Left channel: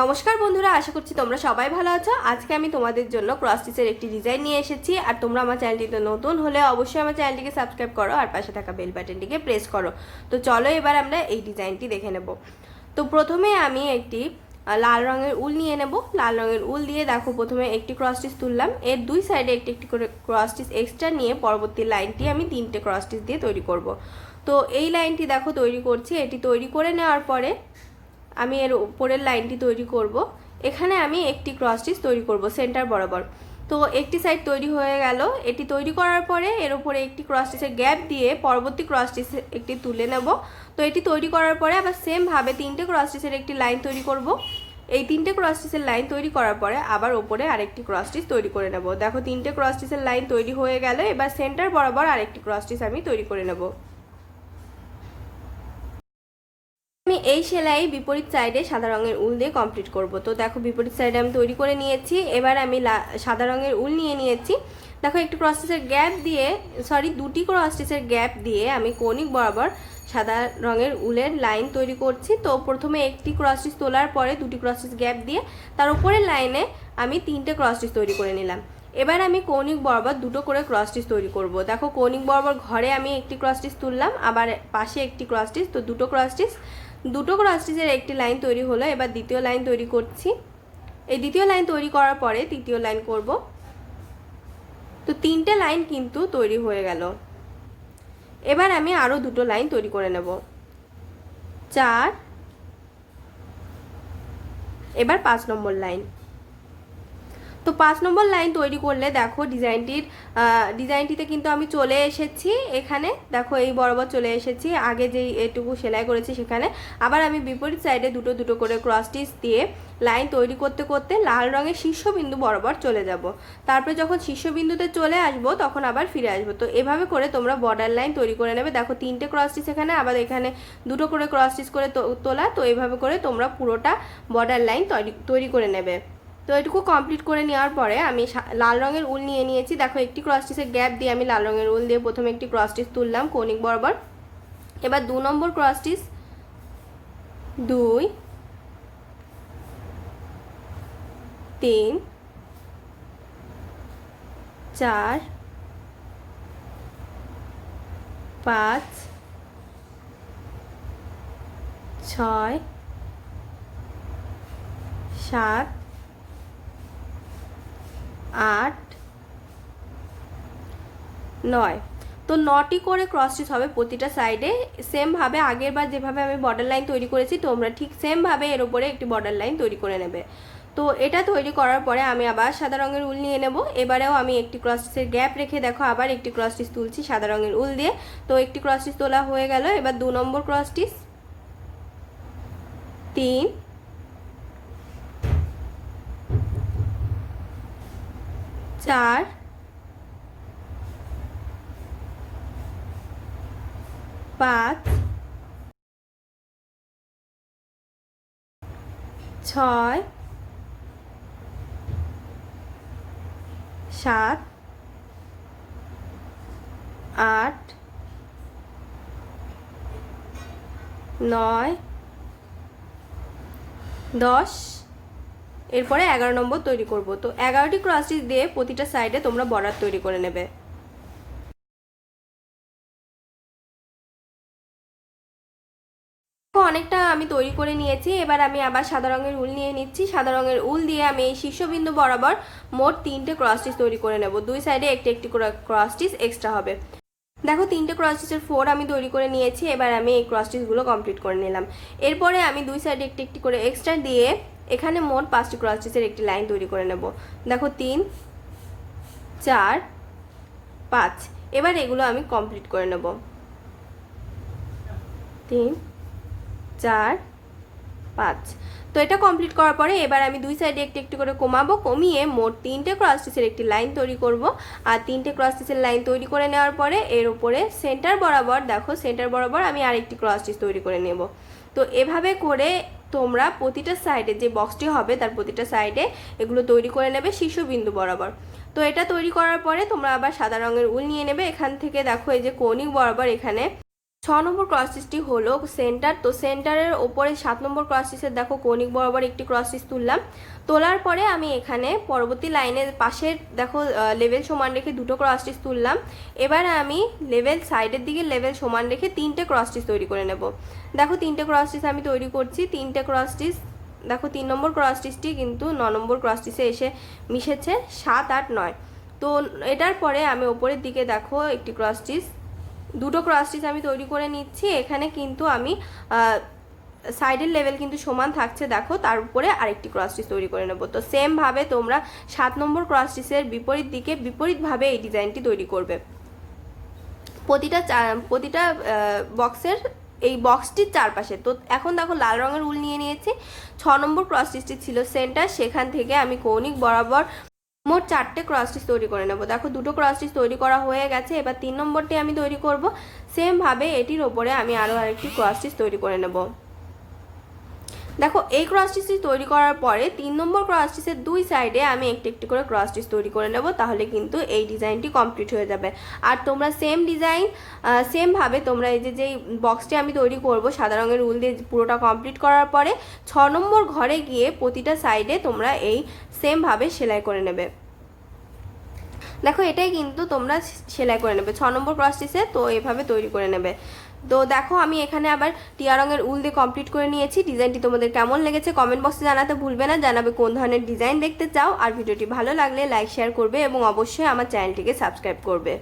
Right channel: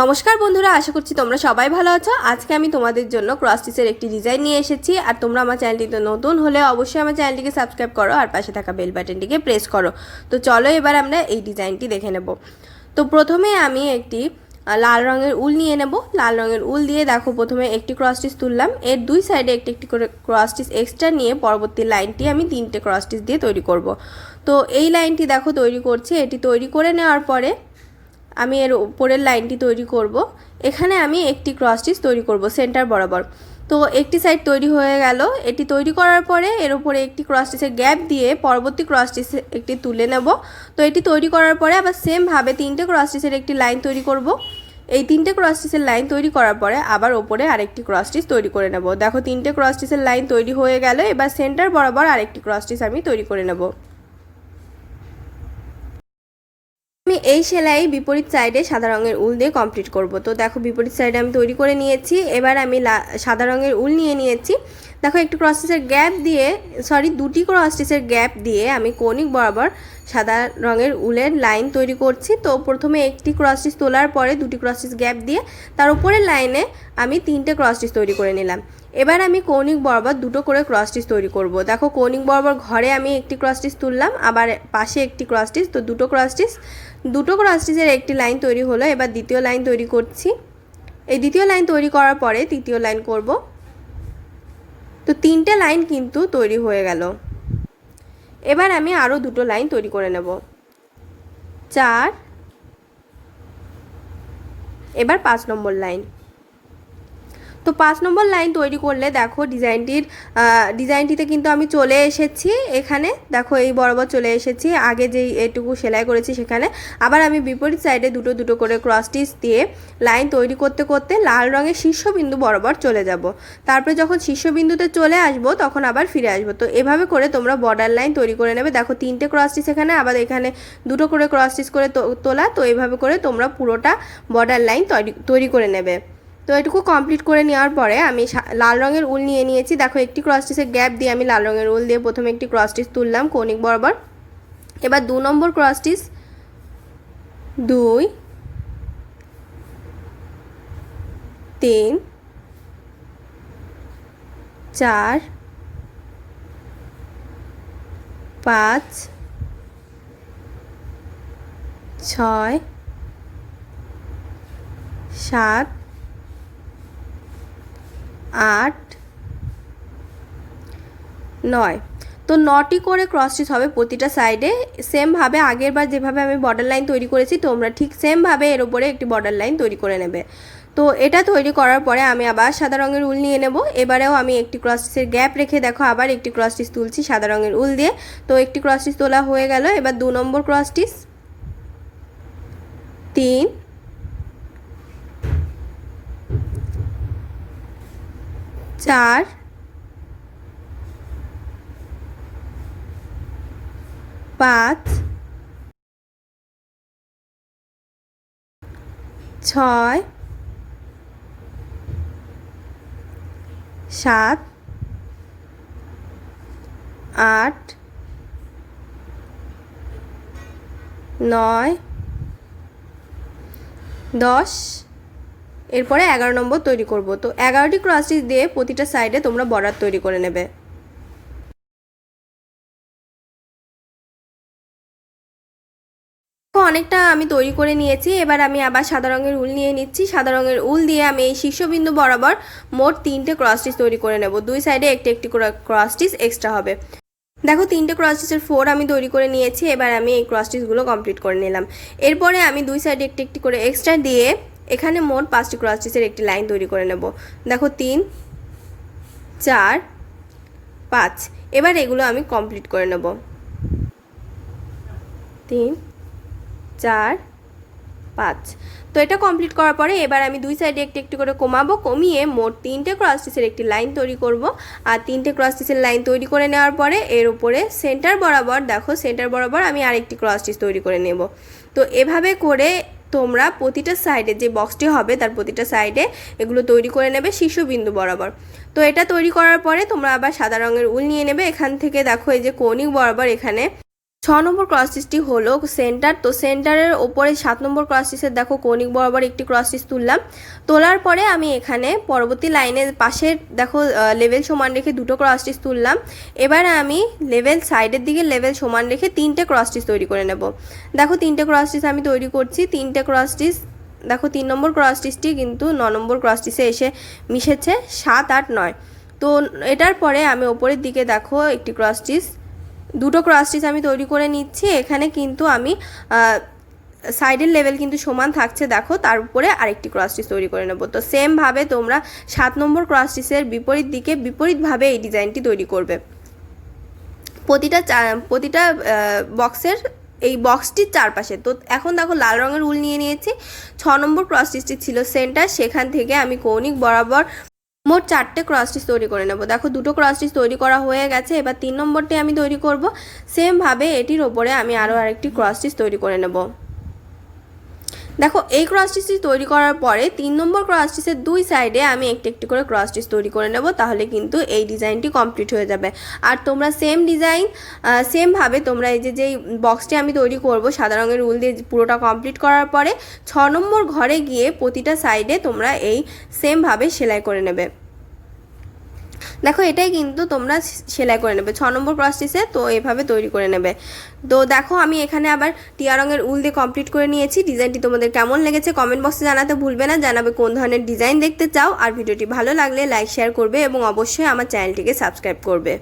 নমস্কার বন্ধুরা, আশা করছি তোমরা সবাই ভালো আছো। আজকে আমি তোমাদের জন্য ক্রস স্টিচের একটি ডিজাইন নিয়ে এসেছি। আর তোমরা আমার চ্যানেলটিতে নতুন হলে অবশ্যই আমার চ্যানেলটিকে সাবস্ক্রাইব করো আর পাশে থাকা বেল বাটনটিকে প্রেস করো। তো চলো এবার আমরা এই ডিজাইনটি দেখে নেব। তো প্রথমে আমি একটি লাল রঙের উল নিয়ে নেব। লাল রঙের উল দিয়ে দেখো প্রথমে একটি ক্রস স্টিচ তুললাম, এর দুই সাইডে একটি একটি করে ক্রস স্টিচ এক্সট্রা নিয়ে পরবর্তী লাইনটি আমি 3টে ক্রস স্টিচ দিয়ে তৈরি করব। তো এই লাইনটি দেখো তৈরি করছি। এটি তৈরি করে নেওয়ার পরে আমি এর উপরের লাইনটি তৈরি করব। এখানে আমি একটি ক্রস স্টিচ তৈরি করব সেন্টার বরাবর। তো একটি সাইড তৈরি হয়ে গেল। এটি তৈরি করার পরে এর উপরে একটি ক্রস স্টিচের গ্যাপ দিয়ে পরবর্তী ক্রস স্টিচ একটি তুলে নেব। তো এটি তৈরি করার পরে আবার সেম ভাবে 3টে ক্রস স্টিচের একটি লাইন তৈরি করব। এই 3টে ক্রস স্টিচের লাইন তৈরি করার পরে আবার উপরে আরেকটি ক্রস স্টিচ তৈরি করে নেব। দেখো 3টে ক্রস স্টিচের লাইন তৈরি হয়ে গেল। এবার সেন্টার বরাবর আরেকটি ক্রস স্টিচ আমি তৈরি করে নেব। আমি এই সেলাই বিপরীত সাইডে সাদা রঙের উল দিয়ে কমপ্লিট করব। তো দেখো বিপরীত সাইডে আমি তৈরি করে নিয়েছি। এবার আমি সাদা রঙের উল নিয়ে নিয়েছি। দেখো একটি ক্রস স্টিচের গ্যাপ দিয়ে দুটি ক্রস স্টিচের গ্যাপ দিয়ে আমি কৌণিক বরাবর সাদা রঙের উলের লাইন তৈরি করছি। তো প্রথমে একটি ক্রস স্টিচ তোলার পরে দুটি ক্রস স্টিচ গ্যাপ দিয়ে তার উপরের লাইনে আমি 3টে ক্রস স্টিচ তৈরি করে নিলাম। এবার আমি কৌণিক বরাবর দুটো করে ক্রস স্টিচ তৈরি করব। দেখো কৌণিক বরাবর ঘরে আমি একটি ক্রস স্টিচ তুললাম, আবার পাশে একটি ক্রস স্টিচ। তো দুটো ক্রস স্টিচের একটি লাইন তৈরি হলো। এবার দ্বিতীয় লাইন তৈরি করছি। এই দ্বিতীয় লাইন তৈরি করার পরে তৃতীয় লাইন করব। তো 3টে লাইন কিন্তু তৈরি হয়ে গেল। এবার আমি আরও দুটো লাইন তৈরি করে নেব, 4। এবার 5 নম্বর লাইন। তো 5 নম্বর লাইন তৈরি করলে দেখো ডিজাইনটিতে কিন্তু আমি চলে এসেছি। এখানে দেখো এই বরাবর চলে এসেছি, আগে যেই এটুকু সেলাই করেছি সেখানে। আবার আমি বিপরীত সাইডে দুটো দুটো করে ক্রস স্টিচ দিয়ে লাইন তৈরি করতে করতে লাল রঙের শীর্ষবিন্দু বরাবর চলে যাব। তারপরে যখন শীর্ষবিন্দুতে চলে আসব তখন আবার ফিরে আসব। তো এভাবে করে তোমরা বর্ডার লাইন তৈরি করে নেবে। দেখো 3টে ক্রস স্টিচ এখানে, আবার এখানে দুটো করে ক্রস স্টিচ করে তোলা। তো এইভাবে করে তোমরা পুরোটা বর্ডার লাইন তৈরি করে নেবে। তো এটুকু কমপ্লিট করে নেওয়ার পরে আমি লাল রঙের উল নিয়ে নিয়েছি। দেখো একটি ক্রস স্টিচের গ্যাপ দিয়ে আমি লাল রঙের উল দিয়ে প্রথমে একটি ক্রস স্টিচ তুললাম কৌণিক বরাবর। এবার 2 নম্বর ক্রস স্টিচ, 2, 3, 4, 5, 6, 7, 8, 9। তো 9টি করে ক্রস স্টিচ হবে প্রতিটা সাইডে। সেমভাবে আগের বার যেভাবে আমি বর্ডার লাইন তৈরি করেছি তোমরা ঠিক সেমভাবে এর উপরে একটি বর্ডার লাইন তৈরি করে নেবে। তো এটা তৈরি করার পরে আমি আবার সাদা রঙের উল নিয়ে নেব। এবারেও আমি একটি ক্রস স্টিচের গ্যাপ রেখে দেখো আবার একটি ক্রস স্টিচ তুলছি সাদা রঙের উল দিয়ে। তো একটি ক্রস স্টিচ তোলা হয়ে গেল। এবার 2 নম্বর ক্রস স্টিচ, 3, 4, 5, 6, 7, 8, 9, 10। এরপরে 11 নম্বর তৈরি করব। তো 11টি ক্রস স্টিচ দিয়ে প্রতিটা সাইডে তোমরা বর্ডার তৈরি করে নেবে। অনেকটা আমি তৈরি করে নিয়েছি। এবার আমি আবার সাদা রঙের উল নিয়ে নিচ্ছি। সাদা রঙের উল দিয়ে আমি এই শীর্ষবিন্দু বরাবর মোট 3টে ক্রস স্টিচ তৈরি করে নেব। দুই সাইডে একটি একটি করে ক্রস স্টিচ এক্সট্রা হবে। দেখো 3টে ক্রস স্টিচের 4 আমি তৈরি করে নিয়েছি। এবার আমি এই ক্রস স্টিচগুলো কমপ্লিট করে নিলাম। এরপরে আমি দুই সাইডে একটি একটি করে এক্সট্রা দিয়ে এখানে মোট 5টি ক্রস স্টিচের একটি লাইন তৈরি করে নেব। দেখো 3, 4, 5। এবার এগুলো আমি কমপ্লিট করে নেব। 3, 4, 5। তো এটা কমপ্লিট করার পরে এবার আমি দুই সাইডে একটু একটু করে কমাবো। কমিয়ে মোট 3টে ক্রস স্টিচের একটি লাইন তৈরি করব। আর 3টে ক্রস স্টিচের লাইন তৈরি করে নেওয়ার পরে এর উপরে সেন্টার বরাবর দেখো সেন্টার বরাবর আমি আরেকটি ক্রস স্টিচ তৈরি করে নেব। তো এভাবে করে তোমরা প্রতিটা সাইডে যে বক্সটি হবে তার প্রতিটা সাইডে এগুলো তৈরি করে নেবে শীর্ষবিন্দু বরাবর। তো এটা তৈরি করার পরে তোমরা আবার সাদা রঙের উল নিয়ে নেবে। এখান থেকে দেখো এই যে কৌণিক বরাবর এখানে 6 নম্বর ক্রস স্টিচটি হলো সেন্টার। তো সেন্টারের ওপরে 7 নম্বর ক্রস স্টিচের দেখো কৌণিক বরাবর একটি ক্রস স্টিচ তুললাম। তোলার পরে আমি এখানে পরবর্তী লাইনের পাশের দেখো লেভেল সমান রেখে দুটো ক্রস স্টিচ তুললাম। এবারে আমি লেভেল সাইডের দিকে লেভেল সমান রেখে 3টে ক্রস স্টিচ তৈরি করে নেব। দেখো 3টে ক্রস স্টিচ আমি তৈরি করছি। 3টে ক্রস স্টিচ দেখো 3 নম্বর ক্রস স্টিচটি কিন্তু 9 নম্বর ক্রস স্টিচে এসে মিশেছে, 7, 8, 9। তো এটার পরে আমি ওপরের দিকে দেখো একটি ক্রস স্টিচ, দুটো ক্রস স্টিচ আমি তৈরি করে নিচ্ছি। এখানে কিন্তু আমি সাইডের লেভেল কিন্তু সমান থাকছে, দেখো তার উপরে আরেকটি ক্রস স্টিচ তৈরি করে নেব। তো সেমভাবে তোমরা 7 নম্বর ক্রস স্টিচের বিপরীত দিকে বিপরীতভাবে এই ডিজাইনটি তৈরি করবে। প্রতিটা বক্সের এই বক্সটির চারপাশে। তো এখন দেখো লাল রঙের উল নিয়ে নিয়েছি। 6 নম্বর ক্রস স্টিচটি ছিল সেন্টার, সেখান থেকে আমি কৌণিক বরাবর মোট 4টে ক্রস স্টিচ তৈরি করে নেব। দেখো দুটো ক্রস স্টিচ তৈরি করা হয়ে গেছে। এবার 3 নম্বরটি আমি তৈরি করব। সেমভাবে এটির ওপরে আমি আরও আরেকটি ক্রস স্টিচ তৈরি করে নেব। দেখো এই ক্রস স্টিচটি তৈরি করার পরে 3 নম্বর ক্রস স্টিচের দুই সাইডে আমি একটি একটি করে ক্রস স্টিচ তৈরি করে নেব, তাহলে কিন্তু এই ডিজাইনটি কমপ্লিট হয়ে যাবে। আর তোমরা সেম ডিজাইন সেমভাবে তোমরা এই যেই বক্সটি আমি তৈরি করব সাদা রঙের উল দিয়ে পুরোটা কমপ্লিট করার পরে 6 নম্বর ঘরে গিয়ে প্রতিটা সাইডে তোমরা এই সেমভাবে সেলাই করে নেবে। দেখো এটাই কিন্তু তোমরা সেলাই করে নেবে 6 নম্বর ক্রস স্টিচে। তো এভাবে তৈরি করে নেবে। তো দেখো আমি এখানে আবার টিয়া রঙের উল দিয়ে কমপ্লিট করে নিয়েছি। ডিজাইনটি তোমাদের কেমন লেগেছে কমেন্ট বক্সে জানাতে ভুলবে না, জানাবে কোন ধরনের ডিজাইন দেখতে চাও। আর ভিডিওটি ভালো লাগলে লাইক শেয়ার করবে এবং অবশ্যই আমার চ্যানেলটিকে সাবস্ক্রাইব করবে।